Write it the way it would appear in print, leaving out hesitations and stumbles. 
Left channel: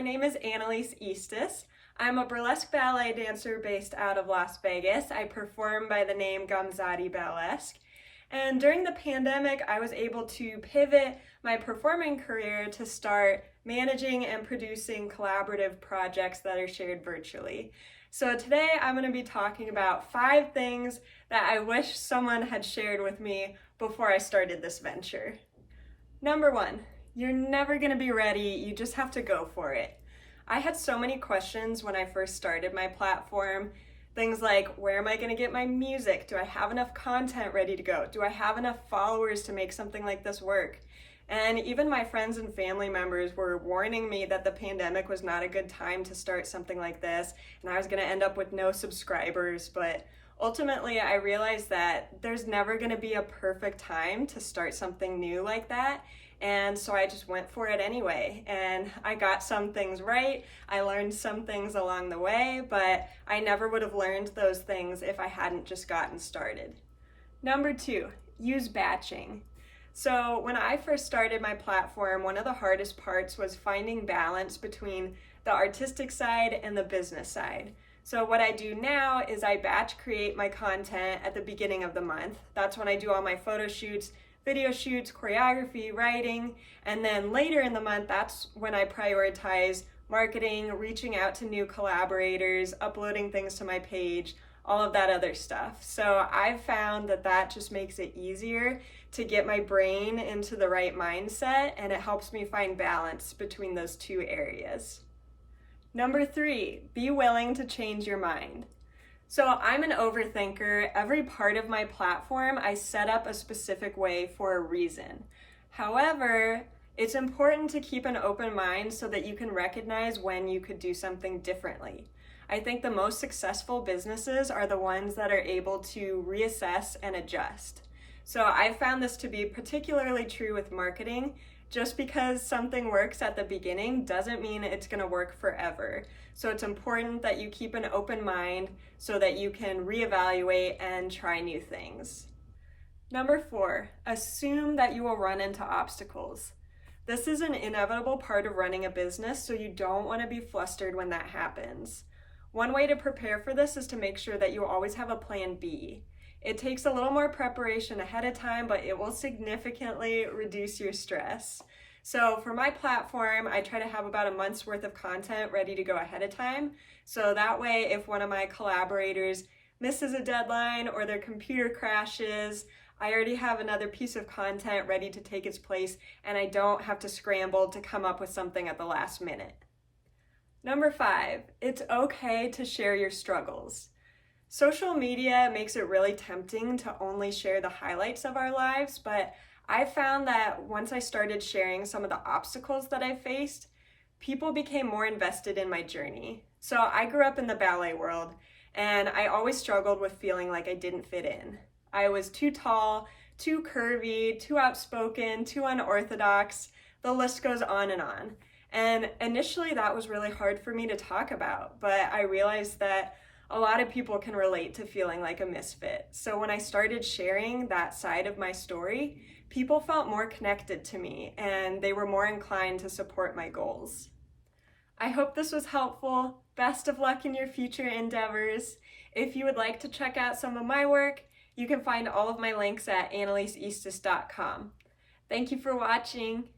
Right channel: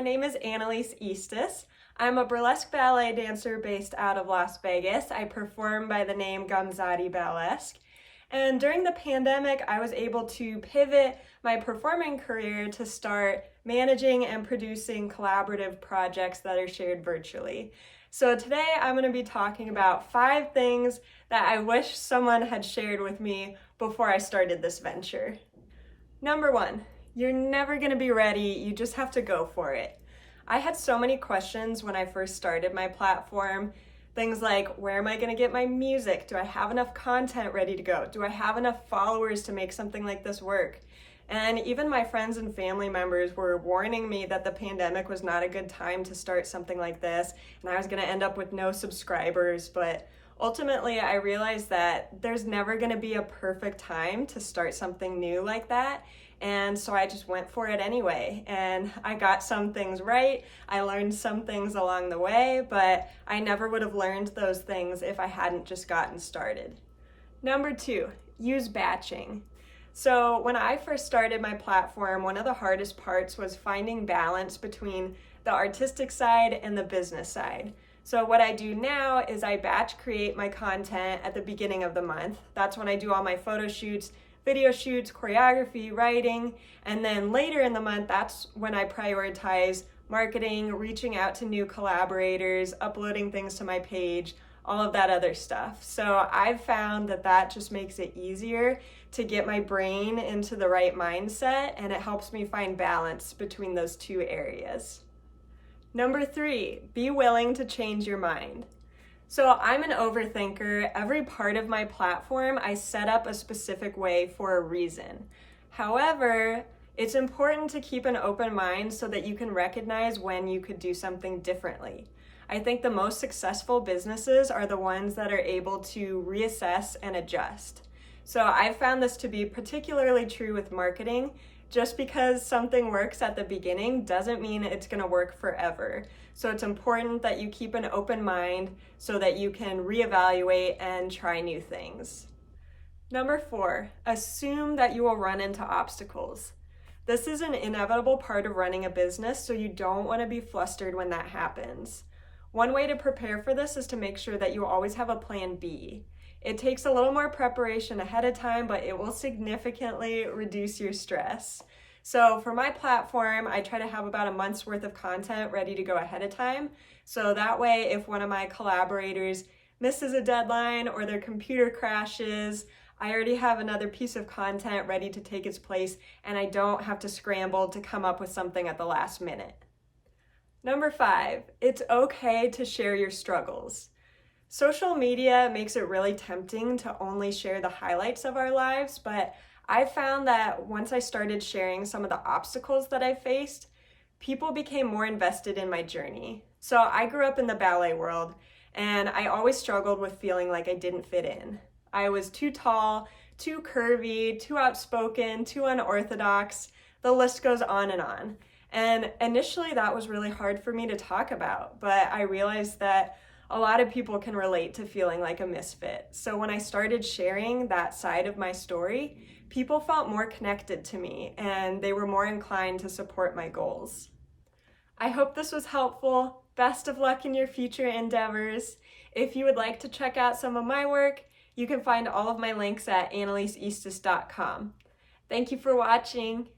my name is Annelise. I'm a burlesque ballet dancer based out of Las Vegas. I perform by the name Gamzati Balesque. And during the pandemic, I was able to pivot my performing career to start managing and producing collaborative projects that are shared virtually. So today I'm going to be talking about 5 things that I wish someone had shared with me before I started this venture. Number 1, you're never going to be ready, you just have to go for it. I had so many questions when I first started my platform. Things like, where am I going to get my music? Do I have enough content ready to go? Do I have enough followers to make something like this work? And even my friends and family members were warning me that the pandemic was not a good time to start something like this, and I was going to end up with no subscribers. But ultimately, I realized that there's never going to be a perfect time to start something new like that. And so I just went for it anyway. And I got some things right. I learned some things along the way, but I never would have learned those things if I hadn't just gotten started. Number 2, use batching. So when I first started my platform, one of the hardest parts was finding balance between the artistic side and the business side. So what I do now is I batch create my content at the beginning of the month. That's when I do all my photo shoots, video shoots, choreography, writing, and then later in the month, that's when I prioritize marketing, reaching out to new collaborators, uploading things to my page, all of that other stuff. So I've found that that just makes it easier to get my brain into the right mindset, and it helps me find balance between those 2 areas. Number 3, be willing to change your mind. So I'm an overthinker. Every part of my platform, I set up a specific way for a reason. However, it's important to keep an open mind so that you can recognize when you could do something differently. I think the most successful businesses are the ones that are able to reassess and adjust. So I found this to be particularly true with marketing. Just because something works at the beginning doesn't mean it's going to work forever. So it's important that you keep an open mind so that you can reevaluate and try new things. Number 4, assume that you will run into obstacles. This is an inevitable part of running a business, so you don't want to be flustered when that happens. One way to prepare for this is to make sure that you always have a plan B. It takes a little more preparation ahead of time, but it will significantly reduce your stress. So for my platform, I try to have about a month's worth of content ready to go ahead of time. So that way, if one of my collaborators misses a deadline or their computer crashes, I already have another piece of content ready to take its place, and I don't have to scramble to come up with something at the last minute. Number 5, it's okay to share your struggles. Social media makes it really tempting to only share the highlights of our lives, but I found that once I started sharing some of the obstacles that I faced, people became more invested in my journey. So I grew up in the ballet world, and I always struggled with feeling like I didn't fit in. I was too tall, too curvy, too outspoken, too unorthodox. The list goes on and on. And initially that was really hard for me to talk about, but I realized that a lot of people can relate to feeling like a misfit. So when I started sharing that side of my story, people felt more connected to me and they were more inclined to support my goals. I hope this was helpful. Best of luck in your future endeavors. If you would like to check out some of my work, you can find all of my links at anneliseeastis.com. Thank you for watching.